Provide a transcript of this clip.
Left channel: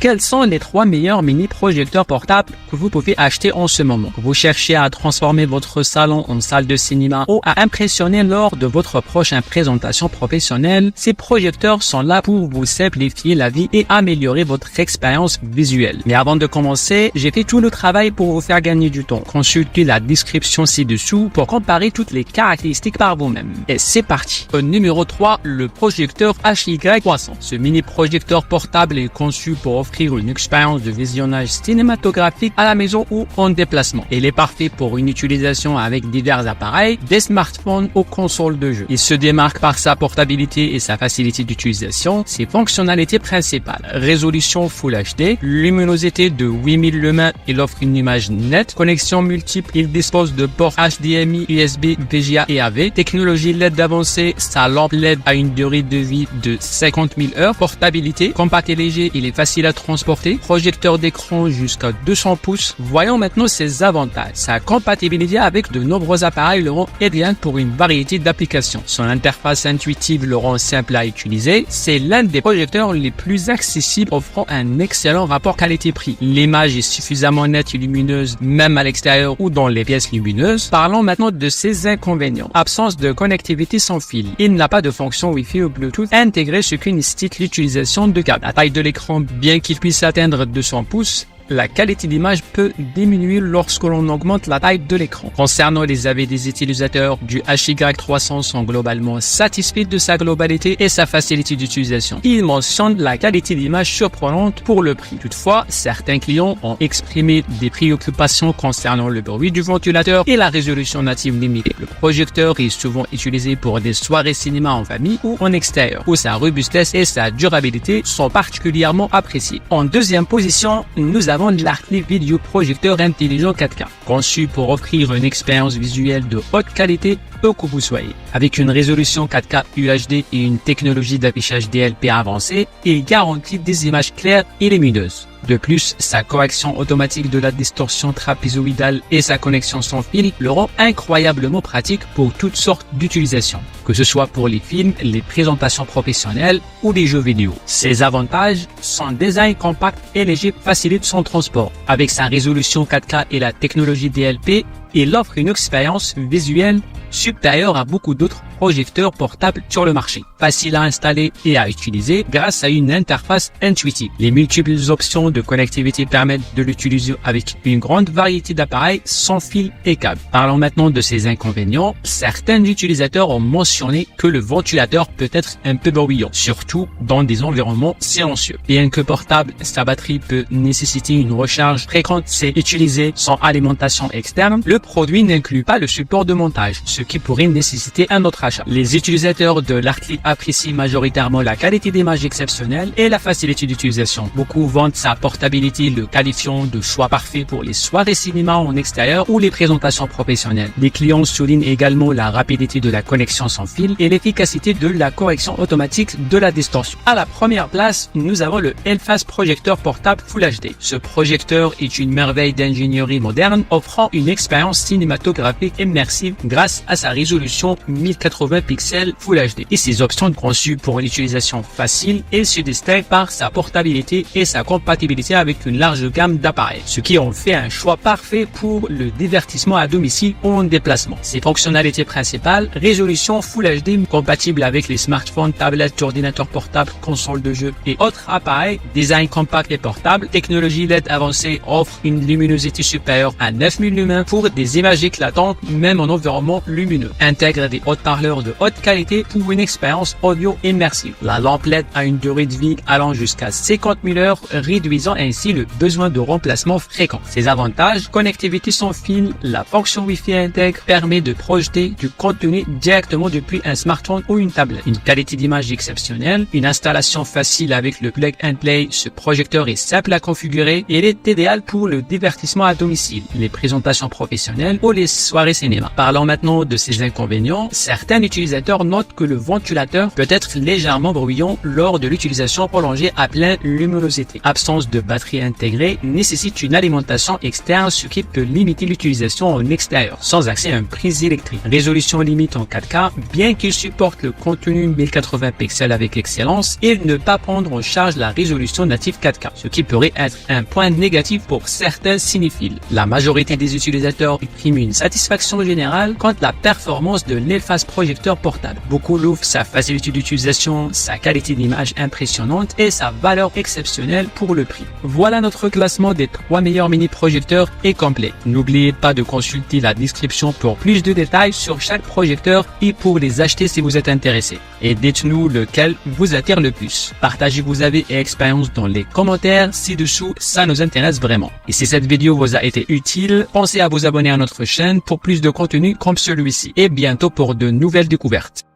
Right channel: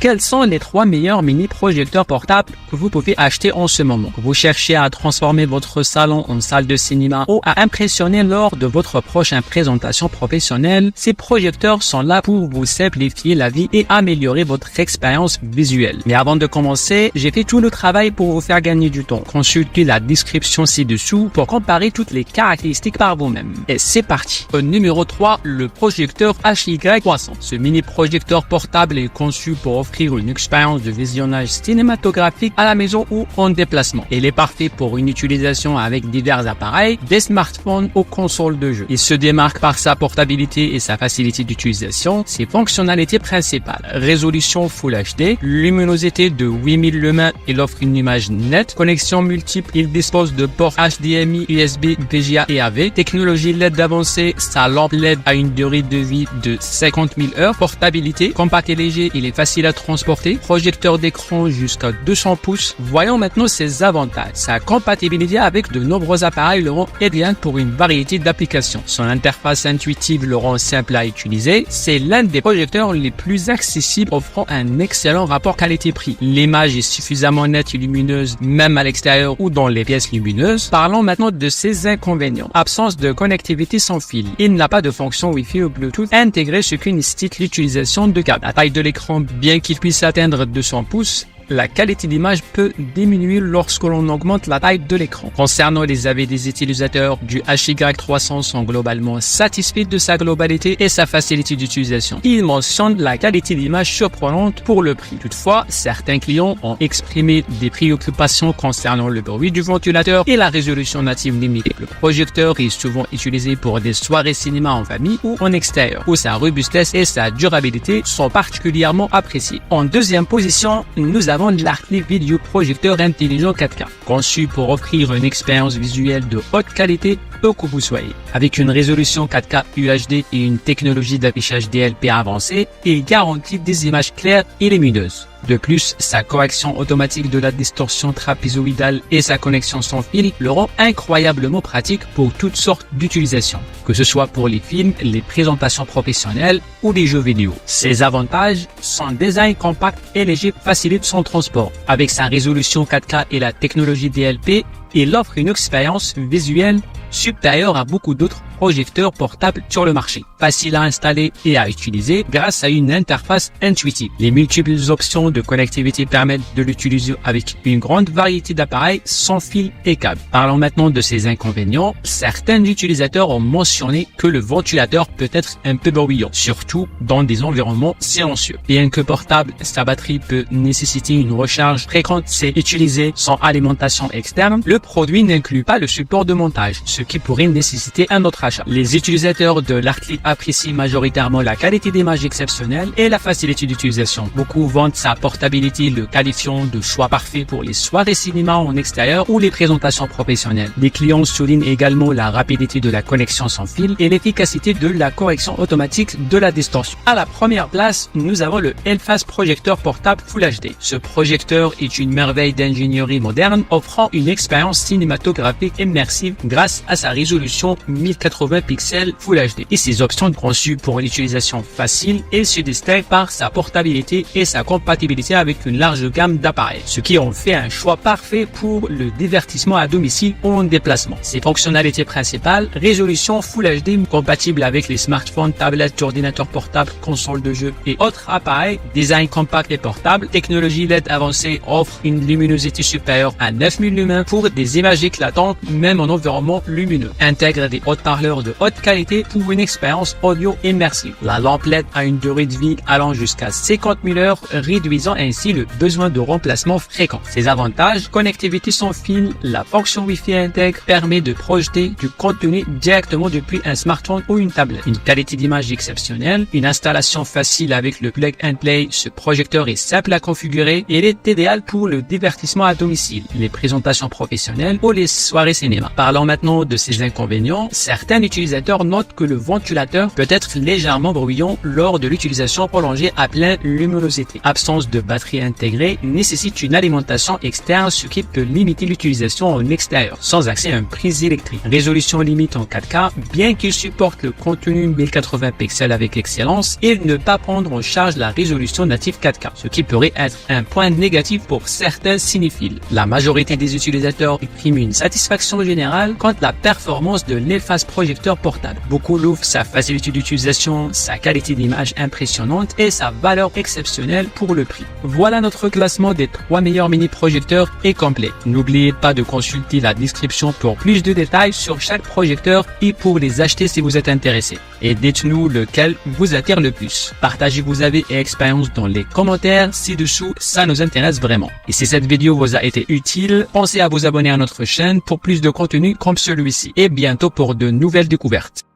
Quels sont les 3 meilleurs mini-projecteurs portables que vous pouvez acheter en ce moment? Vous cherchez à transformer votre salon en salle de cinéma ou à impressionner lors de votre prochaine présentation professionnelle? Ces projecteurs sont là pour vous simplifier la vie et améliorer votre expérience visuelle. Mais avant de commencer, j'ai fait tout le travail pour vous faire gagner du temps. Consultez la description ci-dessous pour comparer toutes les caractéristiques par vous-même. Et c'est parti. Au numéro 3, le projecteur HY300. Ce mini-projecteur portable est conçu pour offrir une expérience de visionnage cinématographique à la maison ou en déplacement. Il est parfait pour une utilisation avec divers appareils, des smartphones ou consoles de jeux. Il se démarque par sa portabilité et sa facilité d'utilisation. Ses fonctionnalités principales: résolution Full HD, luminosité de 8000 lumens, il offre une image nette, connexion multiple, il dispose de ports HDMI, USB, VGA et AV, technologie LED avancée, sa lampe LED a une durée de vie de 50 000 heures, portabilité, compacté léger, il est facile à transporter, projecteur d'écran jusqu'à 200 pouces. Voyons maintenant ses avantages. Sa compatibilité avec de nombreux appareils le rend idéal pour une variété d'applications. Son interface intuitive le rend simple à utiliser. C'est l'un des projecteurs les plus accessibles, offrant un excellent rapport qualité-prix. L'image est suffisamment nette et lumineuse même à l'extérieur ou dans les pièces lumineuses. Parlons maintenant de ses inconvénients. Absence de connectivité sans fil. Il n'a pas de fonction Wi-Fi ou Bluetooth intégrée, ce qui nécessite l'utilisation de câbles. La taille de l'écran, bien qu'il puisse atteindre 200 pouces, la qualité d'image peut diminuer lorsque l'on augmente la taille de l'écran. Concernant les avis des utilisateurs du HY300 sont globalement satisfaits de sa globalité et sa facilité d'utilisation. Ils mentionnent la qualité d'image surprenante pour le prix. Toutefois, certains clients ont exprimé des préoccupations concernant le bruit du ventilateur et la résolution native limitée. Le projecteur est souvent utilisé pour des soirées cinéma en famille ou en extérieur, où sa robustesse et sa durabilité sont particulièrement appréciées. En deuxième position, nous avons l'Arclight Video Projecteur Intelligent 4K, conçu pour offrir une expérience visuelle de haute qualité où que vous soyez. Avec une résolution 4K UHD et une technologie d'affichage DLP avancée, il garantit des images claires et lumineuses. De plus, sa correction automatique de la distorsion trapézoïdale et sa connexion sans fil le rend incroyablement pratique pour toutes sortes d'utilisations, que ce soit pour les films, les présentations professionnelles ou les jeux vidéo. Ses avantages: son design compact et léger facilite son transport. Avec sa résolution 4K et la technologie DLP, il offre une expérience visuelle supérieure à beaucoup d'autres projecteurs portables sur le marché. Facile à installer et à utiliser grâce à une interface intuitive. Les multiples options de connectivité permettent de l'utiliser avec une grande variété d'appareils sans fil et câbles. Parlons maintenant de ses inconvénients. Certains utilisateurs ont mentionné que le ventilateur peut être un peu bruyant, surtout dans des environnements silencieux. Bien que portable, sa batterie peut nécessiter une recharge fréquente. C'est utilisé sans alimentation externe. Le produit n'inclut pas le support de montage, ce qui pourrait nécessiter un autre achat. Les utilisateurs de l'Arclight apprécient majoritairement la qualité d'image exceptionnelle et la facilité d'utilisation. Beaucoup vantent sa portabilité, le qualifiant de choix parfait pour les soirées cinéma en extérieur ou les présentations professionnelles. Les clients soulignent également la rapidité de la connexion sans fil et l'efficacité de la correction automatique de la distance. À la première place, nous avons le Hellfast Projecteur Portable Full HD. Ce projecteur est une merveille d'ingénierie moderne, offrant une expérience cinématographique immersive grâce à sa résolution 1080 pixels Full HD et ses options conçues pour l'utilisation facile. Il se distingue par sa portabilité et sa compatibilité avec une large gamme d'appareils, ce qui en fait un choix parfait pour le divertissement à domicile ou en déplacement. Ses fonctionnalités principales: résolution Full HD compatible avec les smartphones, tablettes, ordinateurs portables, consoles de jeux et autres appareils, design compact et portable, technologie LED avancée, offre une luminosité supérieure à 9000 lumens pour des images éclatantes même en environnement lumineux, intègre des haute-parleurs de haute qualité pour une expérience audio immersive. La lampe LED a une durée de vie allant jusqu'à 50 000 heures, réduisant ainsi le besoin de remplacement fréquent. Ses avantages: connectivité sans fil, la fonction Wi-Fi intègre permet de projeter du contenu directement depuis un smartphone ou une tablette. Une qualité d'image exceptionnelle, une installation facile avec le plug and play. Ce projecteur est simple à configurer et il est idéal pour le divertissement à domicile, les présentations professionnelles ou les soirées cinéma. Parlons maintenant de ses inconvénients. Certains utilisateurs notent que le ventilateur peut être légèrement bruyant lors de l'utilisation prolongée à pleine luminosité. Absence de batterie intégrée nécessite une alimentation externe, ce qui peut limiter l'utilisation. d'utilisation en extérieur, sans accès à une prise électrique. Résolution limite en 4K, bien qu'il supporte le contenu 1080 pixels avec excellence, et ne pas prendre en charge la résolution native 4K, ce qui pourrait être un point négatif pour certains cinéphiles. La majorité des utilisateurs expriment une satisfaction générale quant à la performance de l'efface projecteur portable. Beaucoup louent sa facilité d'utilisation, sa qualité d'image impressionnante et sa valeur exceptionnelle pour le prix. Voilà notre classement des 3 meilleurs mini-projecteurs est complet. N'oubliez pas de consulter la description pour plus de détails sur chaque projecteur et pour les acheter si vous êtes intéressé. Et dites-nous lequel vous attire le plus. Partagez vos avis et expériences dans les commentaires ci-dessous, ça nous intéresse vraiment. Et si cette vidéo vous a été utile, pensez à vous abonner à notre chaîne pour plus de contenu comme celui-ci. Et bientôt pour de nouvelles découvertes.